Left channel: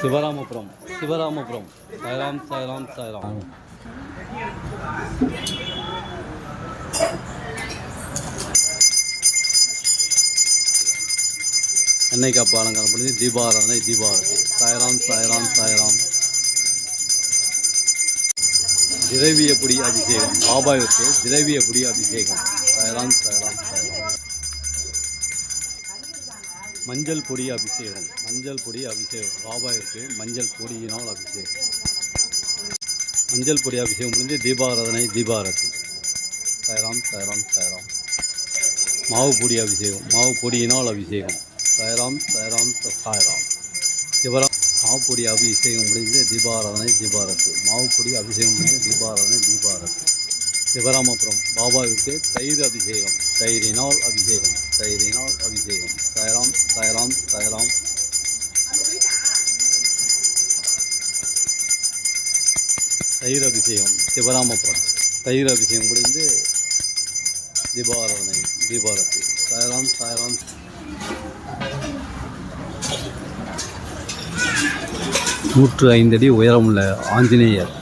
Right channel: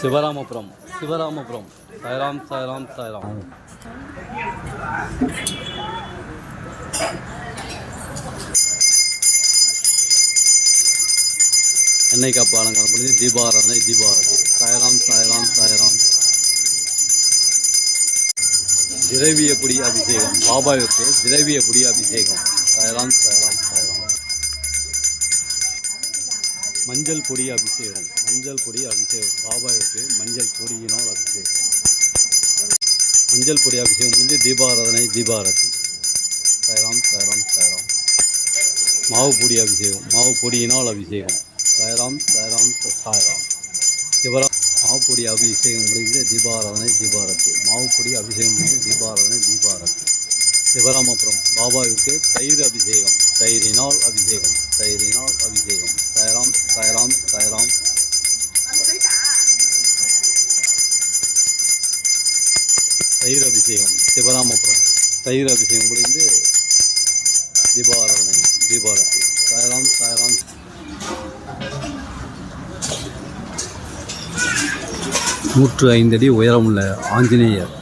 சிவராமபுரம் சிவராமபுரம் சாய்ராம் சாய்ராம் சாய்ராம். எண்ணெய் காப்பு அலங்காரம் பண்ணி தீபாராதனை தீபாவளி. சாய்ராம் சாய்ராம் சாய்ராம். திரவிய பொடி அபிஷேகம் பாபாவிற்கு திரவிய பொடி அபிஷேகம். சாய்ராம் சாய்ராம் சாய்ராம். மஞ்சள் பொடி அபிஷேகம் மஞ்சள் பொடி அபிஷேகம் பாபாவிற்கு மஞ்சள் பொடியினால் அபிஷேகம். மஞ்சள் பொடி அபிஷேகம் முடிஞ்சு தீபாராதனை தீபாரதி. சாய்ராம் சாய்ராம் சாய்ராம். மாவு பொடி அபிஷேகம் மாவு பொடியினால் அபிஷேகம். சாய்ராம் சாய்ராம் சாய்ராம். சிவராம் மாவு பொடி அபிஷேகம் முடிந்து தீபாராதனை தீபாரதி. மாவு பொடி அபிஷேகம் முடிந்து தீபாராதனை தீபாரதி. சிவராமபுரம் பாபாவிற்கு தயிர் அபிஷேகம் தயிரினால் அபிஷேகம் தயிரினால் அபிஷேகம். சாய்ராம் சாய்ராம் சாய்ராம். தயிர் அபிஷேகம் சிவராமபுரம் தயிர் அபிஷேகம் முடிந்து தீபாராதனை தீபாரதி. சாய்ராம் சாய்ராம். 105 அடி உயரமுள்ள ஆஞ்சநேயர்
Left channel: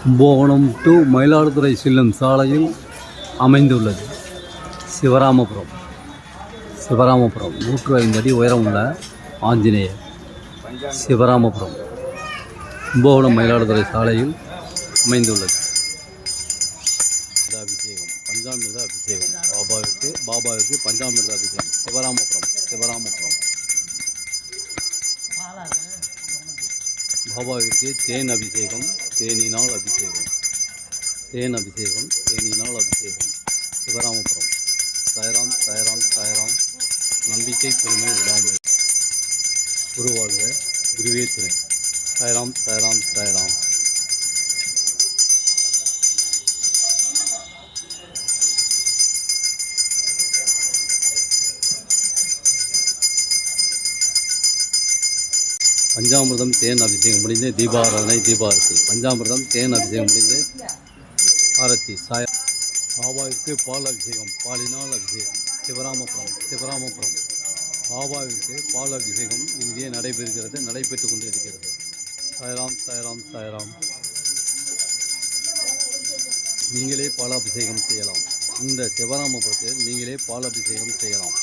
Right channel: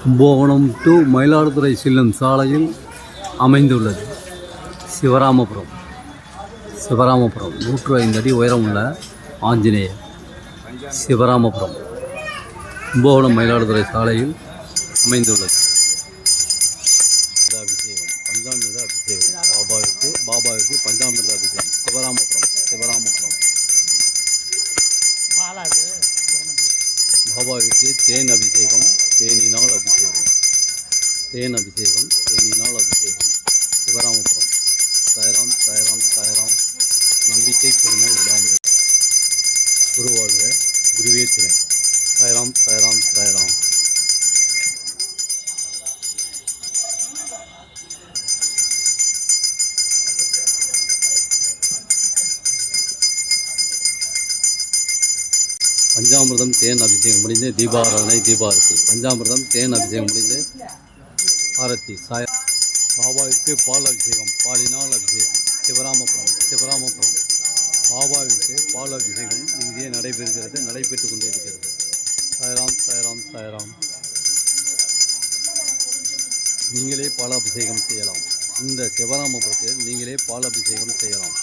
கும்பகோணம் டு மயிலாடுதுறை செல்லும் சாலையில் அமைந்துள்ளது. சிவராமபுரம் சிவராமபுரம் 105 அடி உயரமுள்ள ஆஞ்சநேயர் சிவராமபுரம் கும்பகோணம் மயிலாடுதுறை சாலையில் அமைந்துள்ளது. அபிஷேகம் பஞ்சாமிர்த அபிஷேகம் பாபாவிற்கு பஞ்சாமிர்த அபிஷேகம். சிவராமபுரம் சிவராமபுரம். பாபாவிற்கு தேன் அபிஷேகம் தேனினால் அபிஷேகம் தேன் அபிஷேகம் தேனினால் அபிஷேகம். சிவராமபுரம். சாய்ராம் சாய்ராம் சாய்ராம். நம்பிக்கை பெருமை விடாமல் குருவாழ்க குருவே துணை. சாய்ராம் சாய்ராம் சாய்ராம். பஞ்சாமிர்தம் தேன் அபிஷேகம் முடிந்து தீபாராதனை தீபாரதி. பஞ்சாமிர்தம் தேன் அபிஷேகம் முடிந்து ஆரத்தி. சாய் பாபாவிற்கு பால் அபிஷேகம் பாலினால் அபிஷேகம். சிவராமபுரம் சிவராமபுரம். பாபாவிற்கு பால் அபிஷேகம் இங்கே நடைபெற்று கொண்டு இருக்கிறது. சாய்ராம் சாய்ராம் சாய்ராம். நீங்களே பாலாபிஷேகம் செய்யலாம். இந்த சிவராமபுரத்தில் நீங்களே பாலாபிஷேகம் செய்யலாம்.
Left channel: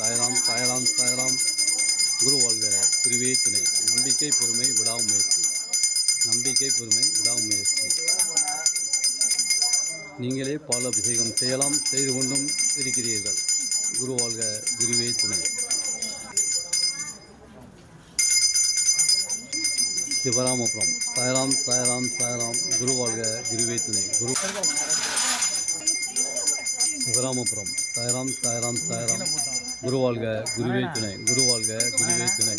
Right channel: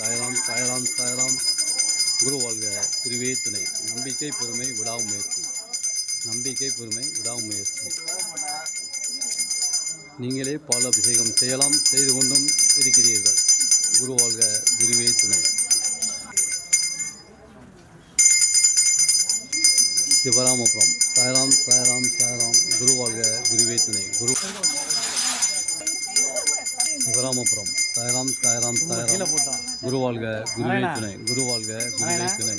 சாய்ராம் சாய்ராம் சாய்ராம். குருவாழ்க குருவே துணை. நம்பிக்கை பொறுமை விடாமுயற்சி நம்பிக்கை பொறுமை விடாமுயற்சி. நீங்களே பாலாபிஷேகம் செய்யலாம் செய்து கொண்டும் இருக்கிறீர்கள். குருவாழ்க குருவே துணை. சிவராமபுரம். சாய்ராம் சாய்ராம் சாய்ராம். குருவாழ்க குருவே துணை. குரு சிவராமபுரம். சாய்ராம் சாய்ராம் சாய்ராம். குருவாழ்க குருவே துணை. குருவாழ்க குருவே துணை.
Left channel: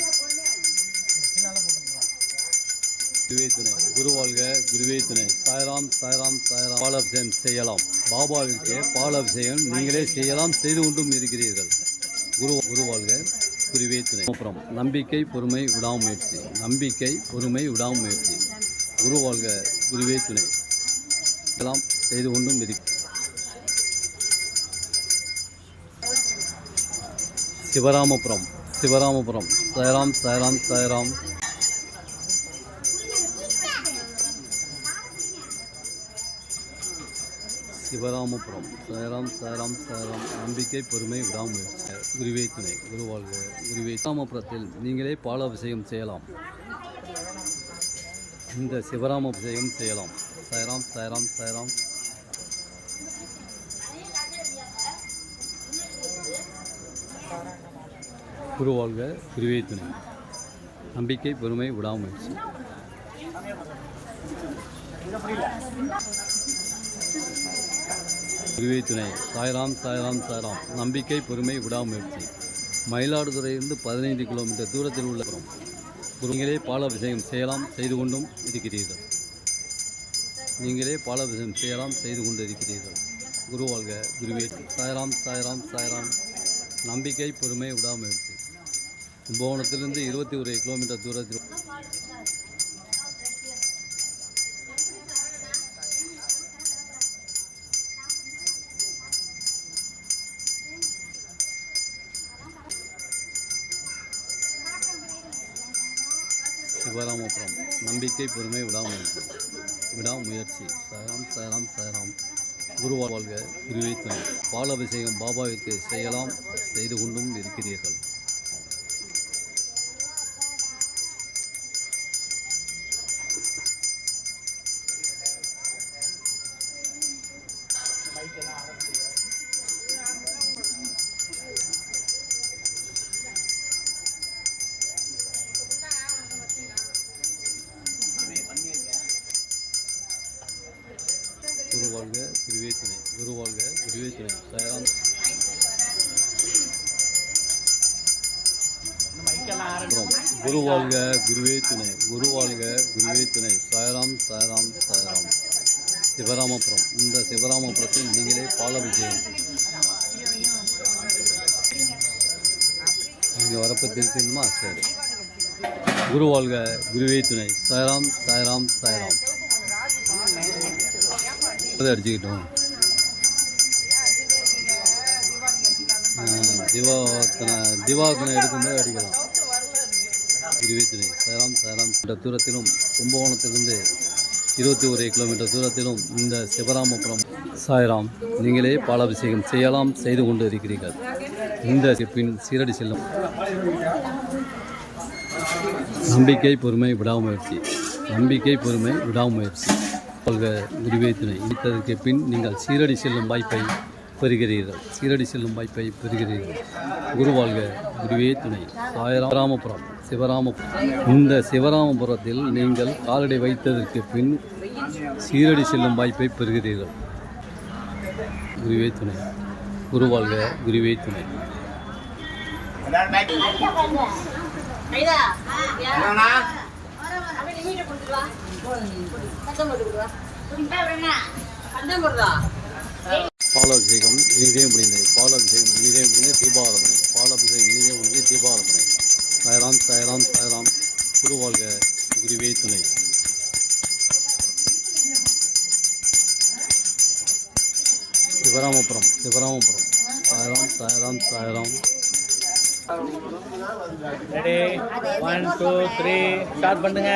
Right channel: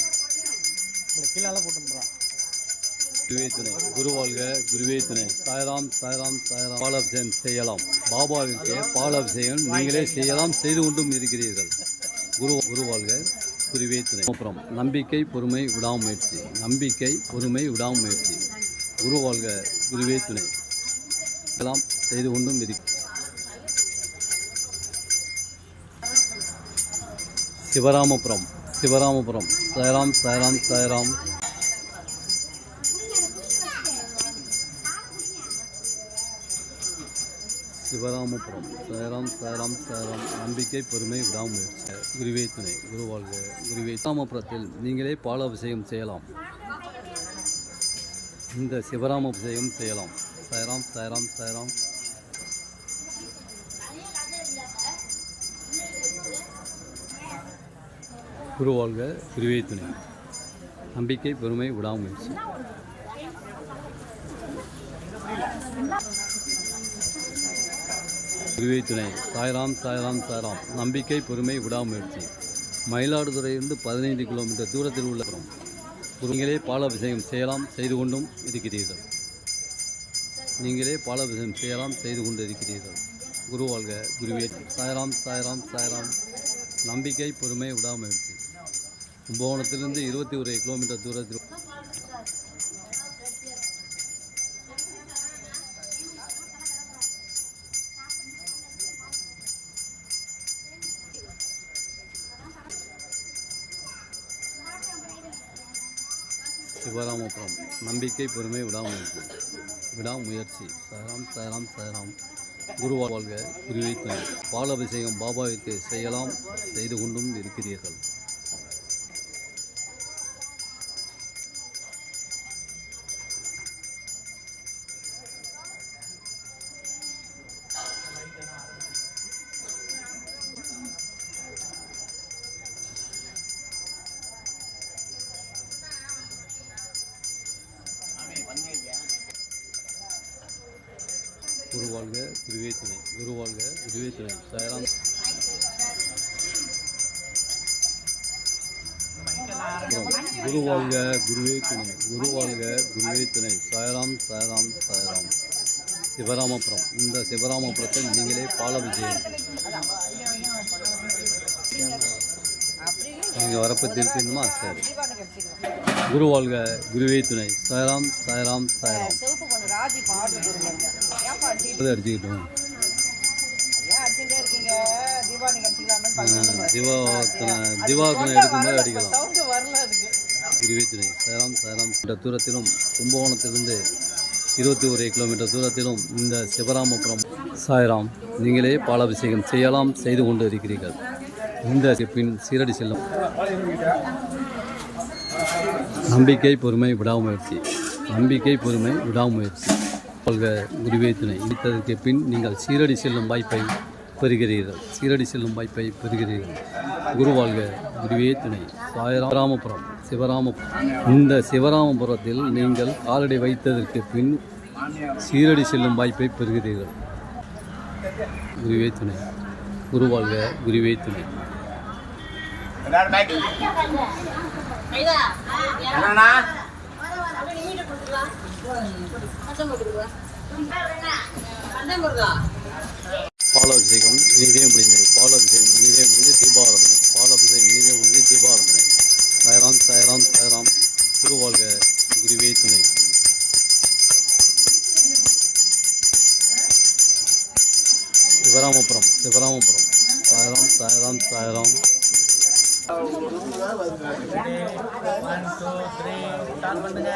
குருவே துணை. குருவாழ்க குருவே துணை. சாய்ராம் சாய்ராம் சாய்ராம். பாலாபிஷேகம் செய்யலாம். பாபாவிற்கு பாலாபிஷேகம் நீங்களே செய்யலாம் செய்து கொண்டும் இருக்கிறீர்கள். குருவாழ்க குருவே துணை. அப்புறம் நம்பிக்கை பொறுமை விடாமுயற்சி நம்பிக்கை பொறுமை விடாமுயற்சி. குருவாழ்க குருவே துணை. எல்லாம் செய்து கொண்டும் இருக்கிறது. சிவராமபுரம் சிவராமபுரம். சாய்ராம் சாய்ராம் சாய்ராம். சிவராமபுரம். சாய்ராம் சாய்ராம் சாய்ராம். நம்பிக்கை பொறுமை விடாமுயற்சி. குருவே துணை. குருவாழ்க குருவே. சிவராமபுரத்தில் நீங்களே பாலாபிஷேகம் செய்யலாம். இந்த சிவராமபிஷேகம் செய்யலாம். சாய்ராம் சாய்ராம் சாய்ராம். குருவாழ்க குருவே துணை. நம்பிக்கை பொறுமை விடாமுயற்சி. குருவே துணை. சாய்ராம் சாய்ராம் சாய்ராம். நம்பிக்கை பொறுமை விடாமுயற்சி. மயிலாடுதுறையிலிருந்து 15 கிலோமீட்டர் தூரத்தில் உள்ள புறம். நீங்களே பாலாபிஷேகம் செய்யலாம் செய்து கொண்டும் இருக்கிறீர்கள். நீங்களே பாலாபிஷேகம் செய்யலாம் செய்து கொண்டு இருக்கிறீர்கள். குருவாழ்க குருவே. சாய்ராம் சாய்ராம் சாய்ராம். நம்பிக்கை பொறுமை விடாமுயற்சி. கும்பகோணத்திலிருந்து 21 கிலோமீட்டர் தூரத்தில் சிவராமபுரம். நம்பிக்கை, பொறுமை, விடாமுயற்சி. சாய்ராம் சாய்ராம் சாய்ராம். குரு வாழ்க, குருவை துணை. பாலாபிஷேகம் பாபாவிற்கு செய்யலாம், செய்து கொண்டும் இருக்கிறீர்கள். குரு வாழ்க, குருவே துணை. குரு வாழ்க, குருவே துணை. சாய்ராம். குரு வாழ்க, குருவே துணை. குரு வாழ்க, குருவே துணை. சாய்ராம் சாய்ராம் சாய்ராம். சிவராமபுரம். இந்த சிவராமபுரத்தில் நீங்களே பாலாபிஷேகம். நீங்கள் வரப்போ திருப்பிடணுமா? சரி. குரு வாழ்க, குருவே துணை. சாய்ராம் சாய்ராம் சாய்ராம். அடிச்சுக்கிட்டோம். தீபாவளி எடுக்கும்போது அடிக்கலாம். குருவே துணை. சாய்ராம் சாய்ராம். தூரத்திலும் கும்பகோணத்திலிருந்து 21 கிலோமீட்டர் தூரத்திலும் இந்த சிவராமபுரம். சாய்ராம். நீங்களே பாலாபிஷேகம் செய்யலாம், செய்து கொண்டு இருக்கிறீர்கள். இந்த பின் சீரடி செல்லும். நம்பிக்கை, பொறுமை, விடாமுயற்சி. நம்பிக்கை, பொறுமை, விடாமுயற்சி. வாழ்க, குருவே துணை. இடித்ததற்கு பின் நீங்கள் சீரடி செல்லும் வாய்ப்பை பெறுகிறீர்கள். சீரடி செல்லும் வாய்ப்பை பெறுகிறீர்கள். குரு வாழ்க, குருவே துணை. சிவராமபுரம். இந்த சிவராமபுரத்தில் நீங்கள் காலடி வைத்ததற்கு பின் சீரடி செல்லும் வாய்ப்பை பெறுகிறீர்கள். குருவே துணை. குரு வாழ்க, குருவே துணை. பாலாபிஷேகம் இனிதே முடிந்தது. பாலாபிஷேகம் இனிதே முடிந்து தீபாராதனை. பாலாபிஷேகம் இனிதே முடிந்து தீபாராதனை. சாய்ராம் சாய்ராம் சாய்ராம். குரு வாழ்க, குருவே துணை. சிவராமபுரம். சிவராமபுரம். சாய்ராம் சாய்ராம் சாய்ராம். 1 2 3 ஸ்டார்ட் பண்ணுங்க.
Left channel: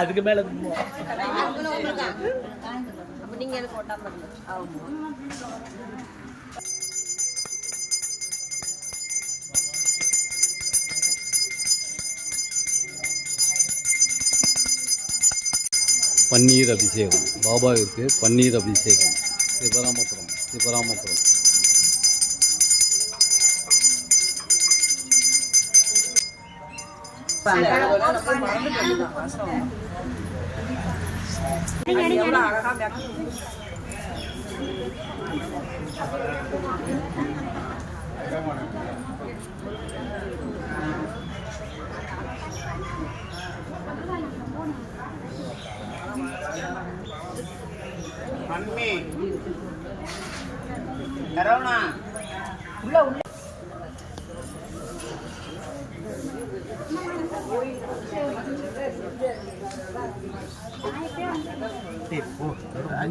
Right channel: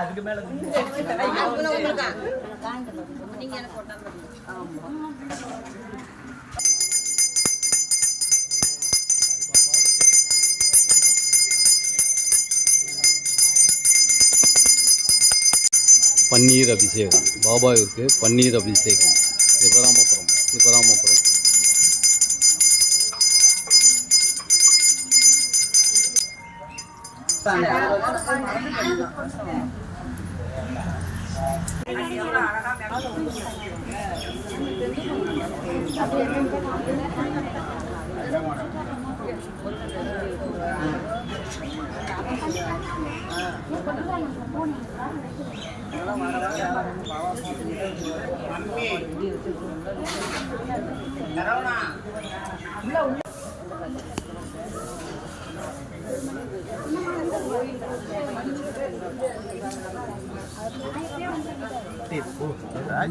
அதுக்கு மேல பன்னீர் அபிஷேகம். பாபாவிற்கு பன்னீர் அபிஷேகம். Sivaramapuram. Sivaramapuram.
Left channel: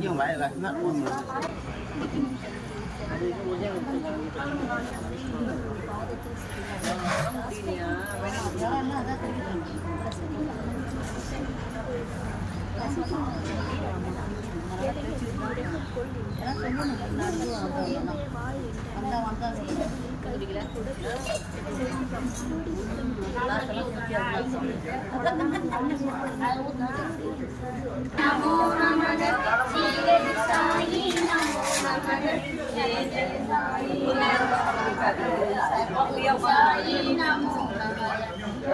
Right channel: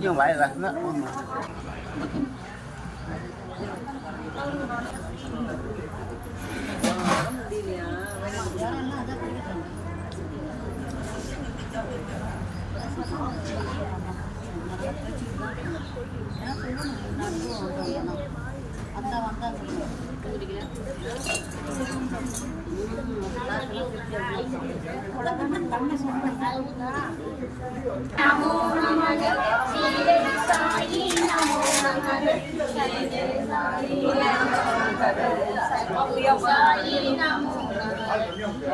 như vậy là nó நமோ நமக சீரடி சாயி நமோ நமக ஜெய ஜெய சாயி சாயி நமோ நமக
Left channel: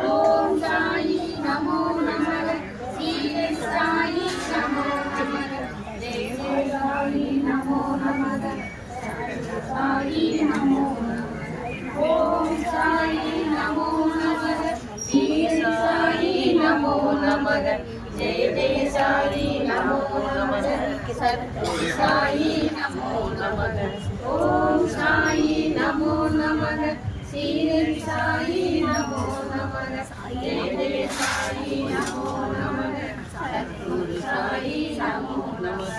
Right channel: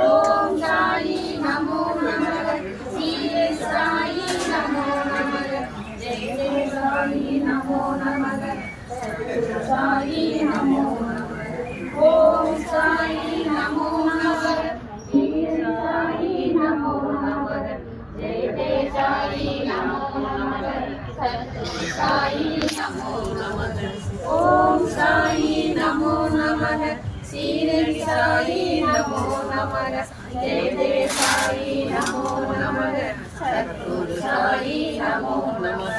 ஓம் சாயி நமோ நமக சீரடி சாயி நமோ நமக ஜெய ஜெய சாயி நமோ நமக சாயி நமோ நமக ஓம் சாயி நமோ நமக சீரடி சாயி நமோ நமக ஜெய சத்குரு சாயி நமோ நமக ஓம் சாயி நமோ நமக ஸ்ரீரடி சாயி நமோ நமக ஜெய ஜெய சாயி நமோ நமக சத்குரு சாயி நமோ நமக